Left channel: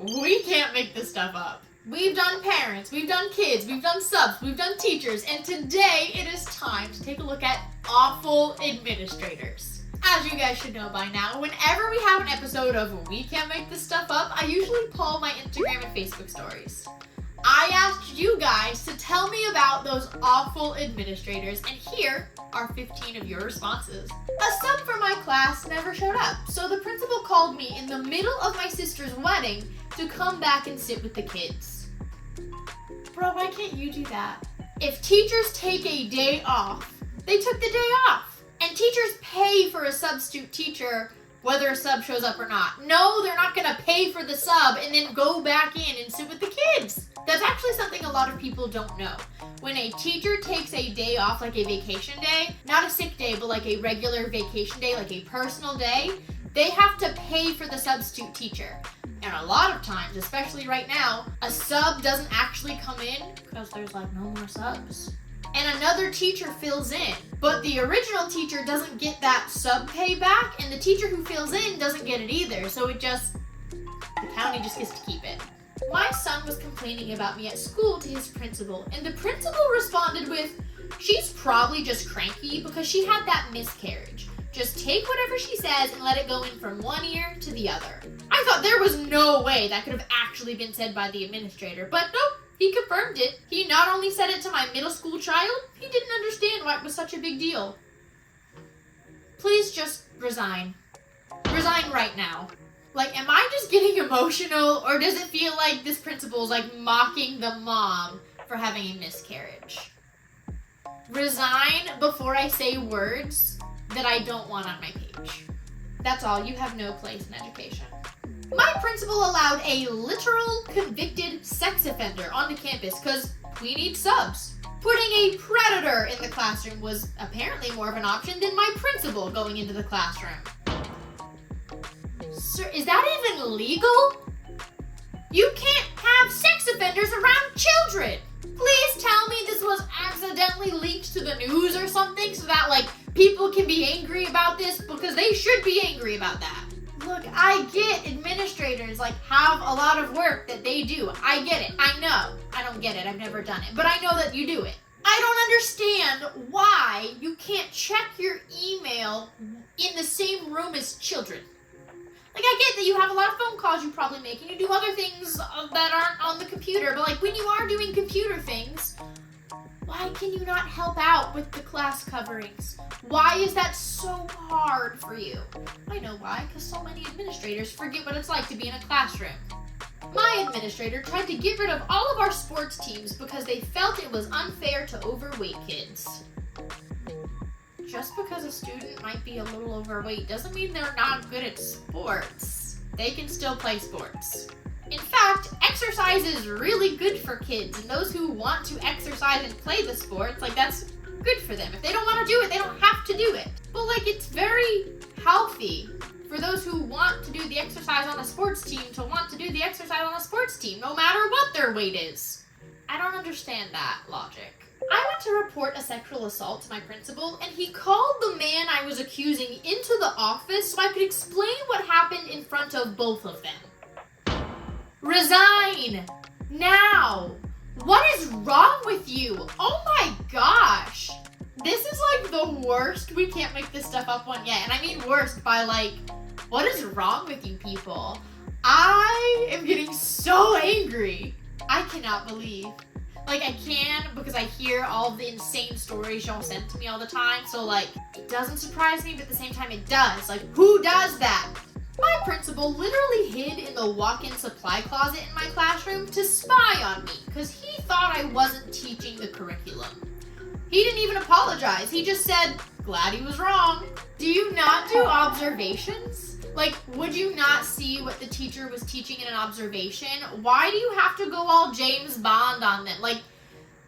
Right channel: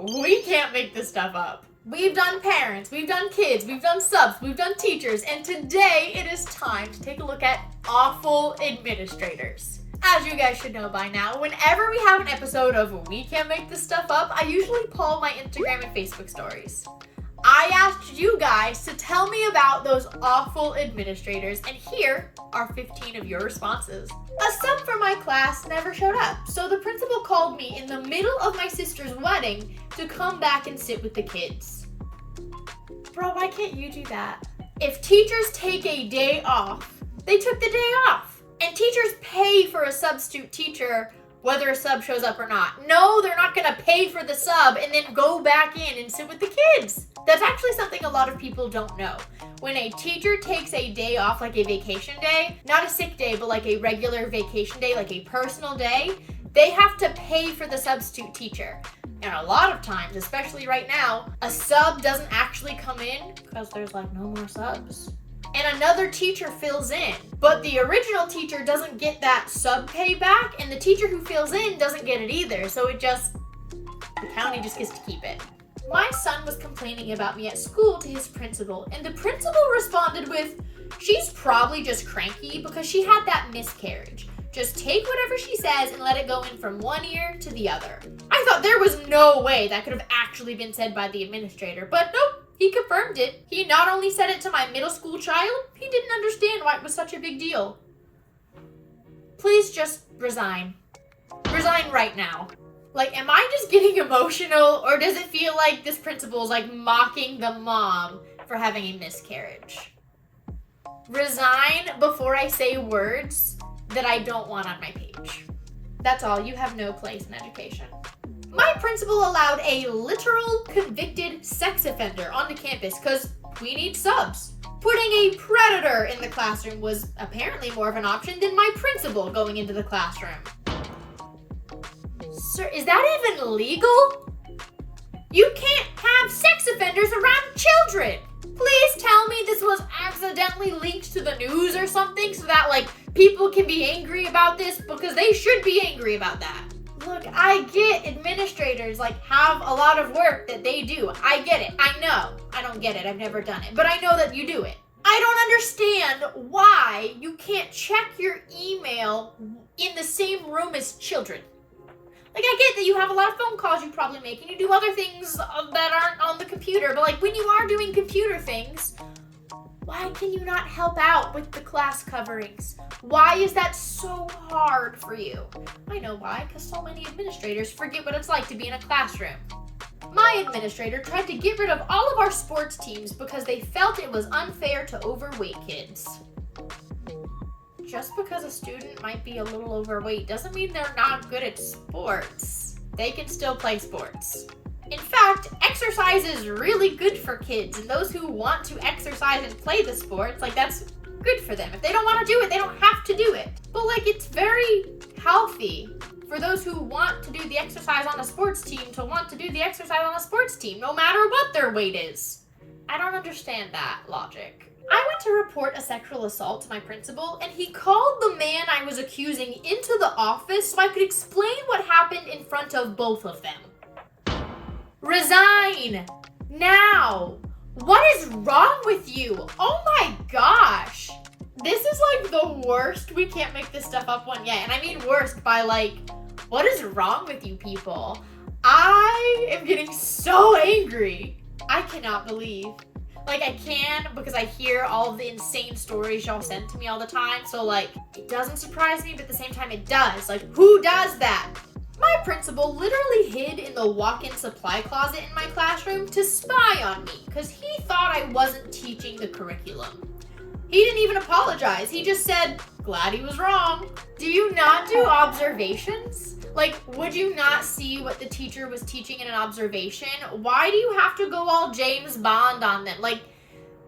we can't make this stuff up. We've done parents, we've done kids, we've done subs, we've done teachers, and today it is time to take a look at awful administrators. As you guys should know by now, whenever we have an episode of We Can't Make This Stuff Up, I usually poll my Instagram and Facebook stories. I asked you guys to tell me about those awful administrators, and here are 15 of your responses. A sub for my class never showed up, so the principal called me in the middle of my sister's wedding to come back and sit with the kids. Bro, why can't you do that? If teachers take a day off, they took the day off. And teachers pay for a substitute teacher whether a sub shows up or not. No, they're not gonna pay for the sub and then go back in and sit with the kids. That's actually something a lot of people don't know. When a teacher takes a day off, like a vacation day, not a sick day, but like a regular vacation day, like a personal day, they have to pay for the substitute teacher. And a lot of times, especially right now, a sub doesn't actually come in because there's like no more subs. And another teacher fills in. But the original teacher doesn't get that sub pay back, and the teacher who fills in doesn't get it either. So the county just gets to keep it. My son was complaining about me at school to his principal, and the principal responded with, "She's probably just cranky because she had that miscarriage. Just take whatever she says and let it go in from one ear to the other." I thought there was no way that could have actually been said by the administrator, but nope. He confirmed it. He not only said it to my middle school child, he didn't understand why it was such a big deal. Please just resign. Resign right now. Like, am I just getting emotional, or does it feel like this principal is like mocking the mom for having a miscarriage? Resign before I say words that I don't want on my page. That's all. You have no place in education. My principal allowed a literal convicted sex offender onto campus because we need subs. Putting a predator in the classroom was apparently more of an option than my principal going into the classroom. Sir, is that even legal? You can't have sex offenders around children. Please tell me this was accidentally leaked to the news or something so that like people can be angry about this, because they should be angry about that. Look, I get administrators like have a lot of work that they do. I get it. I know. I don't get it. I've never done it. But I know that you do it. I don't understand why you can't check your email in the same room as children. Like, I get that you have a lot of phone calls you probably make and you do other things that aren't on the computer. But like when you are doing computer things, why can you not help out with the class coverings? Why is that so hard for you? I know why, because so many administrators forget what it's like to be in a classroom. My administrator tried to get rid of all of our sports teams because they felt it was unfair to overweight kids. Just because a student might be a little overweight doesn't mean they're not good at sports. They can still play sports. In fact, exercise is really good for kids, and those who want to exercise and play the sports, like, that's good for them. If they don't want to do it, they don't have to do it. But like, it's very healthy for those who want to do the exercise on a sports team to want to do the exercise on a sports team, no matter what their weight is. I don't understand that logic. I went to report a sexual assault to my principal, and he called the man I was accusing into the office so I could explain what happened in front of both of them. Resign! Now! What is wrong with you? Oh my gosh! This is like the worst We Can't Make This Stuff Up one yet. And I mean worst by like, what is wrong with you people? I am getting so angry. I cannot believe. Like, I can because I hear all of the insane stories y'all send to me all the time. So like, it doesn't surprise me, but at the same time it does. Like, who does that? My principal literally hid in the walk-in supply closet in my classroom to spy on me because he thought I wasn't teaching the curriculum. He didn't even apologize. He just said, glad he was wrong. Do you not do observations? Like, would you not see what the teacher was teaching in an observation? Why do you have to go all James Bond on them? Like,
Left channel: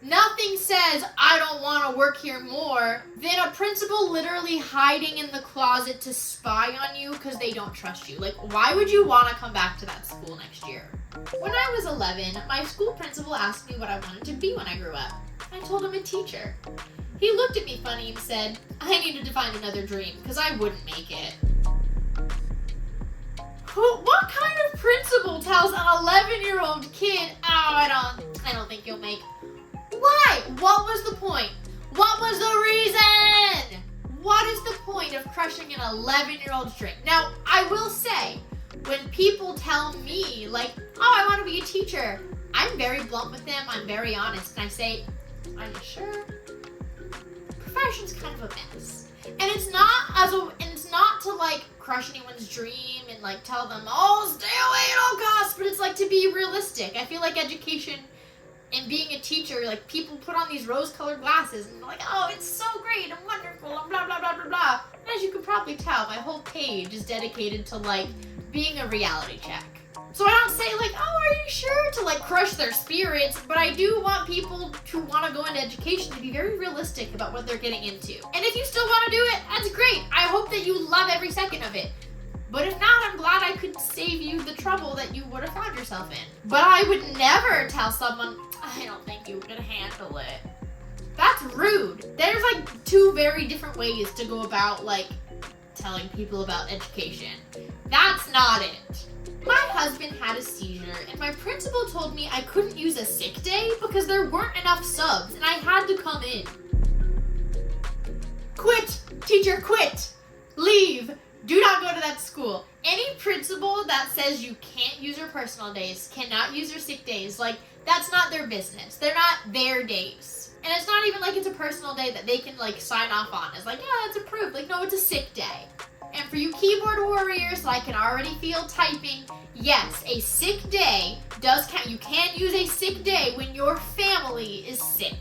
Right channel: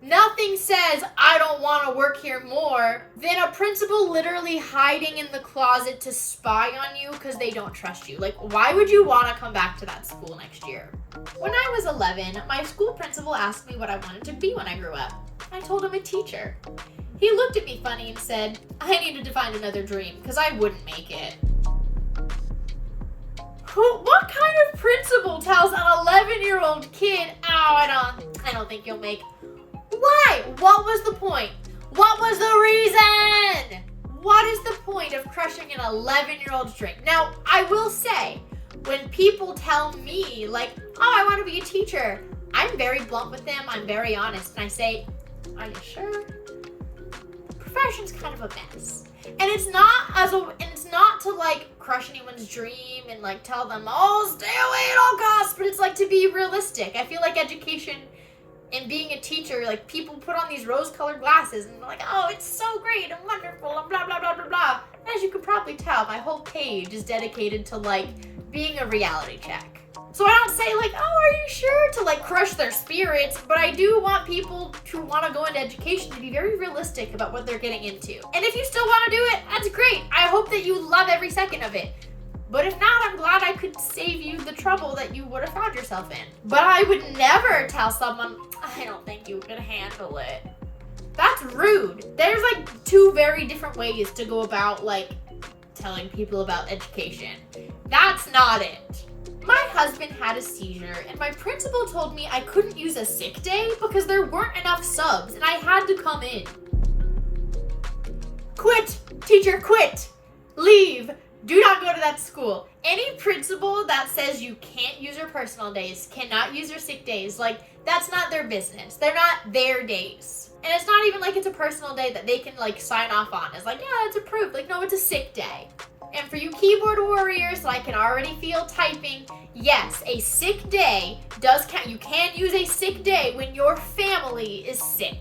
nothing says, I don't want to work here more, than a principal literally hiding in the closet to spy on you because they don't trust you. Like, why would you want to come back to that school next year? When I was 11, my school principal asked me what I wanted to be when I grew up. I told him a teacher. He looked at me funny and said, I needed to find another dream because I wouldn't make it. What kind of principal tells an 11-year-old kid, I don't think you'll make... Why? What was the point? What was the reason? What is the point of crushing an 11-year-old's drink? Now, I will say, when people tell me, like, oh, I want to be a teacher, I'm very blunt with them, I'm very honest, and I say, are you sure? The profession's kind of a mess. And it's not to like crush anyone's dream and like tell them, oh, stay away at all costs, but it's like to be realistic. I feel like education and being a teacher, like people put on these rose-colored glasses and they're like, oh, it's so great and wonderful and blah, blah, blah, blah, blah. And as you can probably tell, my whole page is dedicated to like being a reality check. So I don't say like, oh, are you sure, to like crush their spirits, but I do want people who want to go into education to be very realistic about what they're getting into. And if you still want to do it, that's great. I hope that you love every second of it. But if not, I'm glad I could save you the trouble that you would have found yourself in. But I would never tell someone, I don't think you can handle it. That's rude. There's like two very different ways to go about like telling people about education. That's not it. My husband had a seizure and my principal told me I couldn't use a sick day because there weren't enough subs and I had to come in. Quit! Teacher, quit! Leave! Do not go to that school. Any principal that says you can't use your personal days, cannot use your sick days, like, that's not their business. They're not their days. And it's not even like it's a personal day that they can, like, sign off on. It's like, yeah, it's approved. Like, no, it's a sick day. And for you keyboard warriors, I can already feel typing, yes, a sick day does count. You can use a sick day when your family is sick.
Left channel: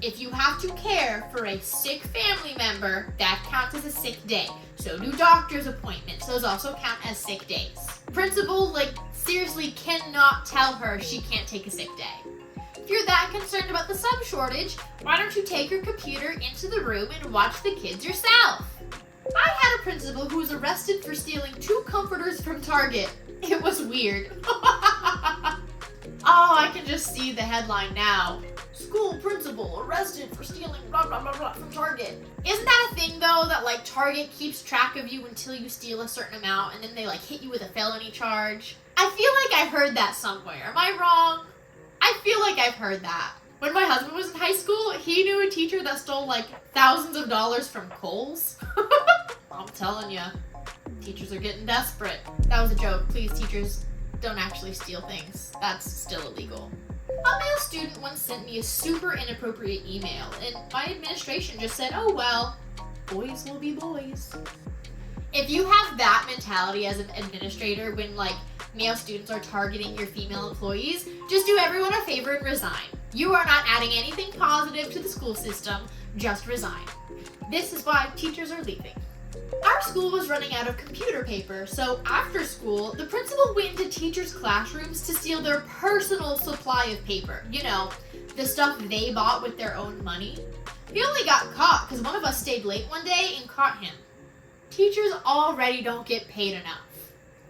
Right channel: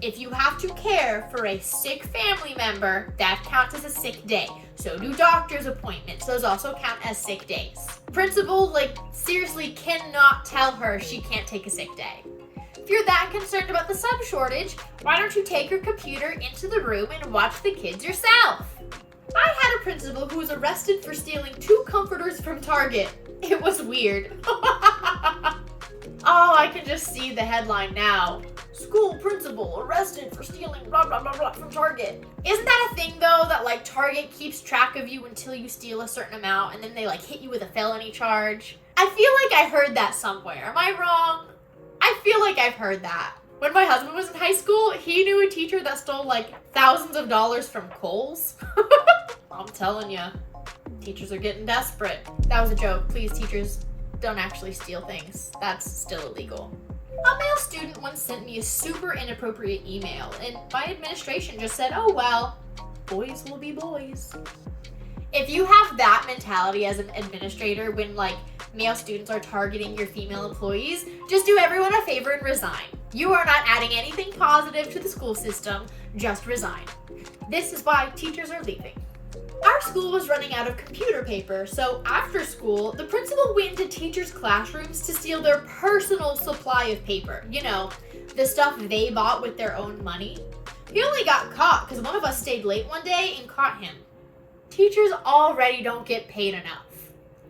If you have to care for a sick family member, that counts as a sick day. So do doctor's appointments. Those also count as sick days. Principal, like, seriously cannot tell her she can't take a sick day. If you're that concerned about the sub shortage, why don't you take your computer into the room and watch the kids yourself? I had a principal who was arrested for stealing 2 comforters from Target. It was weird. Oh, I can just see the headline now. School principal arrested for stealing blah, blah, blah, blah from Target. Isn't that a thing, though, that, like, Target keeps track of you until you steal a certain amount, and then they, like, hit you with a felony charge? I feel like I heard that somewhere. Am I wrong? I feel like I've heard that. When my husband was in high school, he knew a teacher that stole, like, thousands of dollars from Kohl's. I'm telling you, teachers are getting desperate. That was a joke. Please, teachers, don't actually steal things. That's still illegal. A male student once sent me a super inappropriate email, and my administration just said, oh well, boys will be boys. If you have that mentality as an administrator when, like, male students are targeting your female employees, just do everyone a favor and resign. You are not adding anything positive to the school system, just resign. This is why teachers are leaving. Our school was running out of computer paper, so after school, the principal went into teachers' classrooms to steal their personal supply of paper. You know, the stuff they bought with their own money. He only got caught because one of us stayed late one day and caught him. Teachers already don't get paid enough.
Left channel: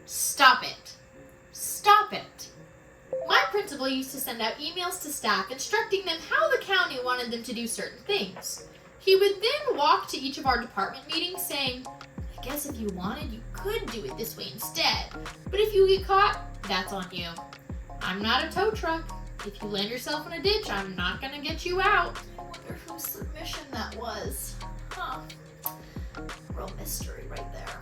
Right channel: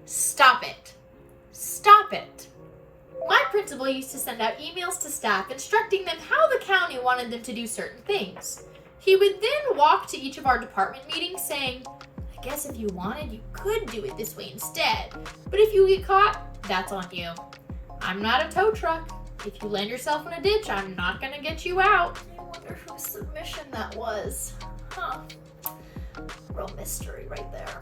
Stop it. Stop it. My principal used to send out emails to staff instructing them how the county wanted them to do certain things. He would then walk to each of our department meetings saying, I guess if you wanted, you could do it this way instead. But if you get caught, that's on you. I'm not a tow truck. If you land yourself in a ditch, I'm not going to get you out. I wonder whose submission that was. Huh. Real mystery right there.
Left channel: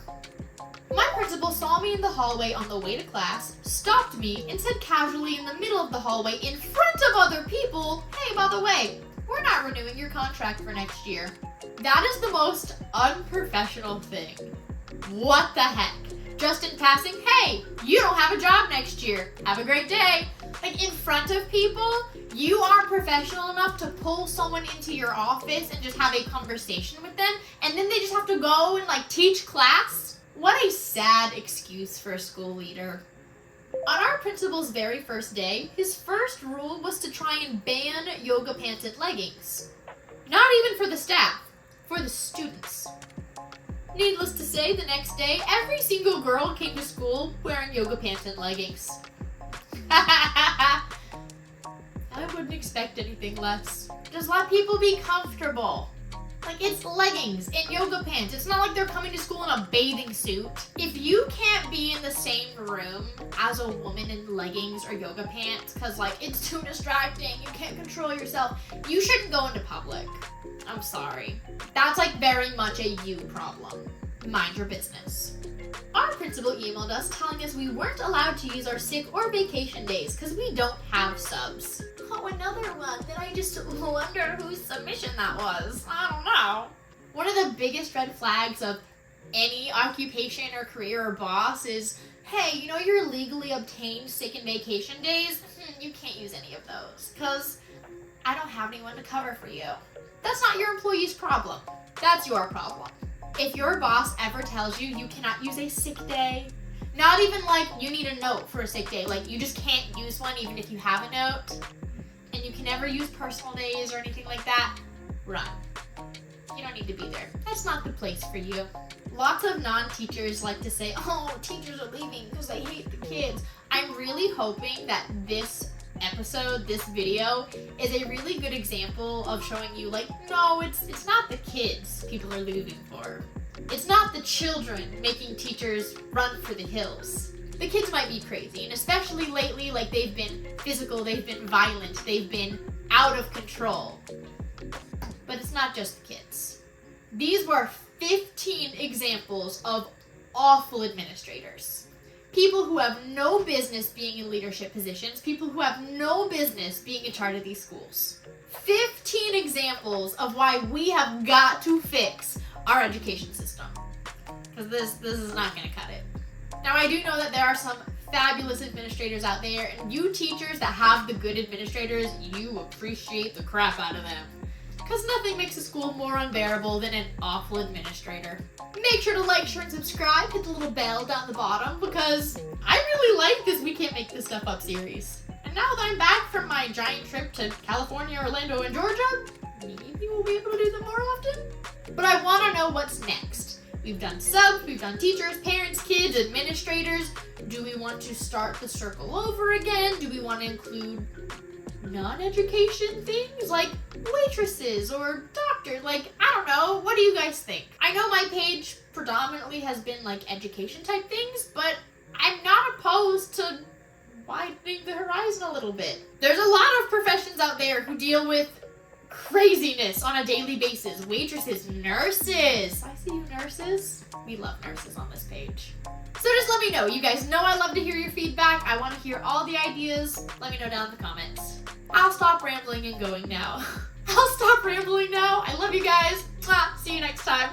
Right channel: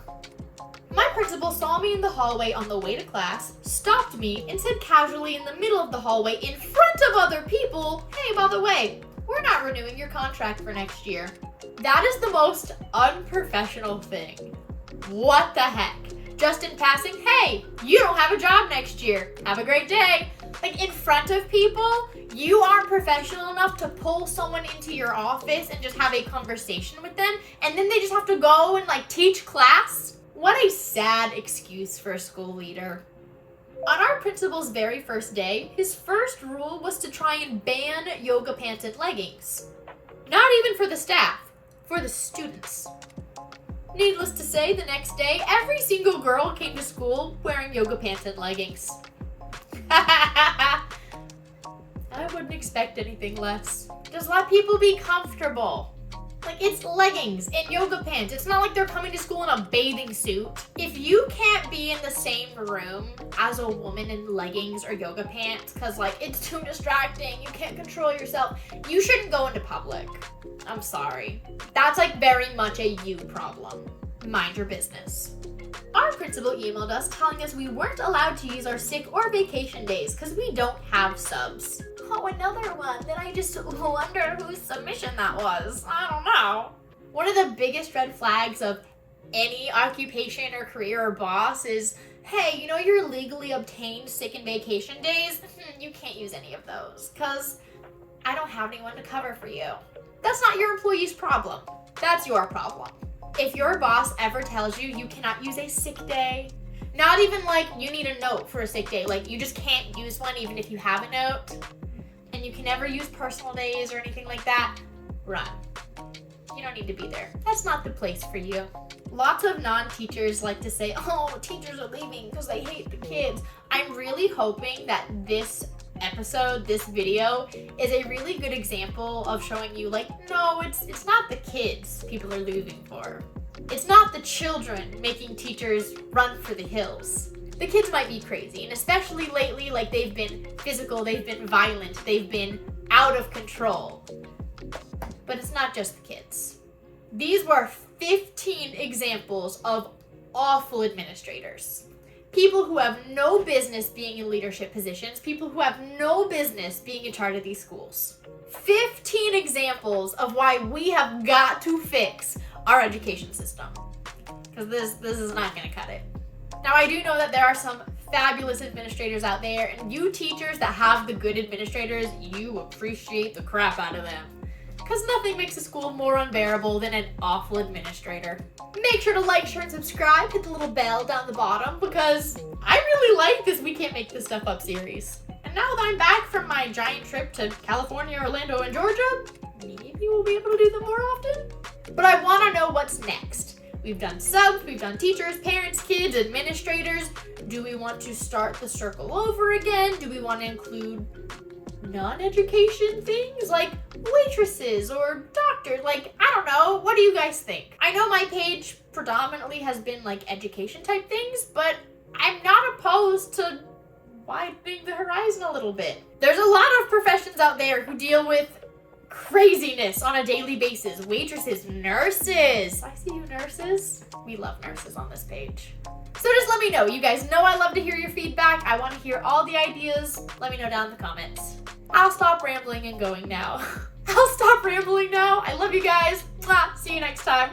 My principal saw me in the hallway on the way to class, stopped me, and said casually in the middle of the hallway in front of other people, hey, by the way, we're not renewing your contract for next year. That is the most unprofessional thing. What the heck? Just in passing, hey, you don't have a job next year. Have a great day. Like, in front of people, you aren't professional enough to pull someone into your office and just have a conversation with them, and then they just have to go and, like, teach class? What a sad excuse for a school leader. On our principal's very first day, his first rule was to try and ban yoga pants and leggings. Not even for the staff, for the students. Needless to say, the next day, every single girl came to school wearing yoga pants and leggings. I wouldn't expect anything less. Just let people be comfortable. Like, it's leggings and yoga pants. It's not like they're coming to school in a bathing suit. If you can't be in the same room as a woman in leggings or yoga pants because, like, it's too distracting, you can't control yourself, you shouldn't go into public. I'm sorry. That's, like, very much a you problem. Mind your business. Our principal emailed us telling us we weren't allowed to use our sick or vacation days because we don't have subs. Oh, another one that I just wonder whose submission that was. I don't know. One of the biggest red flags of any occupation or career or boss is, hey, you know your legally obtained sick and vacation days? You can't use any of those because I don't have anyone to cover for you. That's not your employee's problem. That's your problem. If your boss ever tells you you cannot use a sick day, not even like you need a note for a sick day, like you just can't use one even if you have a note, and you can never use personal days or anything like that, run. You don't need to be there. That's not the place for you. Lots of non-teachers like to say, oh, teachers are leaving because they hate the kids. I'm really hoping that this episode, this video, is a really good example of showing you, like, no, it's not the kids people are leaving for. It's not the children making teachers run for the hills. The kids might be crazy, and especially lately, like, they've been physical, they've been violent, they've been out of control. But it's not just the kids. These were 15 examples of awful administrators. People who have no business being in leadership positions, people who have no business being in charge of these schools. 15 examples of why we have got to fix our education system. Because this is not going to cut it. Now, I do know that there are some fabulous administrators out there, and you teachers that have the good administrators, you appreciate the crap out of them. Because nothing makes a school more unbearable than an awful administrator. Make sure to like, share, and subscribe. Hit the little bell down the bottom because I really like this We Can't Make This Stuff Up series. And now that I'm back from my giant trip to California, Orlando, and Georgia, maybe we'll be able to do them more often. But I want to know what's next. We've done subs, we've done teachers, parents, kids, administrators. Do we want to start the circle over again? Do we want to include non-education things like waitresses or doctors? Like, I don't know. What do you guys think? I know my page predominantly has been like education type things, but I'm not opposed to widening the horizon a little bit. There's a lot of professions out there who deal with craziness on a daily basis. Waitresses, nurses. I see you, nurses. We love nurses on this page. So just let me know. You guys know I love to hear your feedback. I want to hear all the ideas. Let me know down in the comments. I'll stop rambling and going now. I'll stop rambling now. I love you guys. See you next time.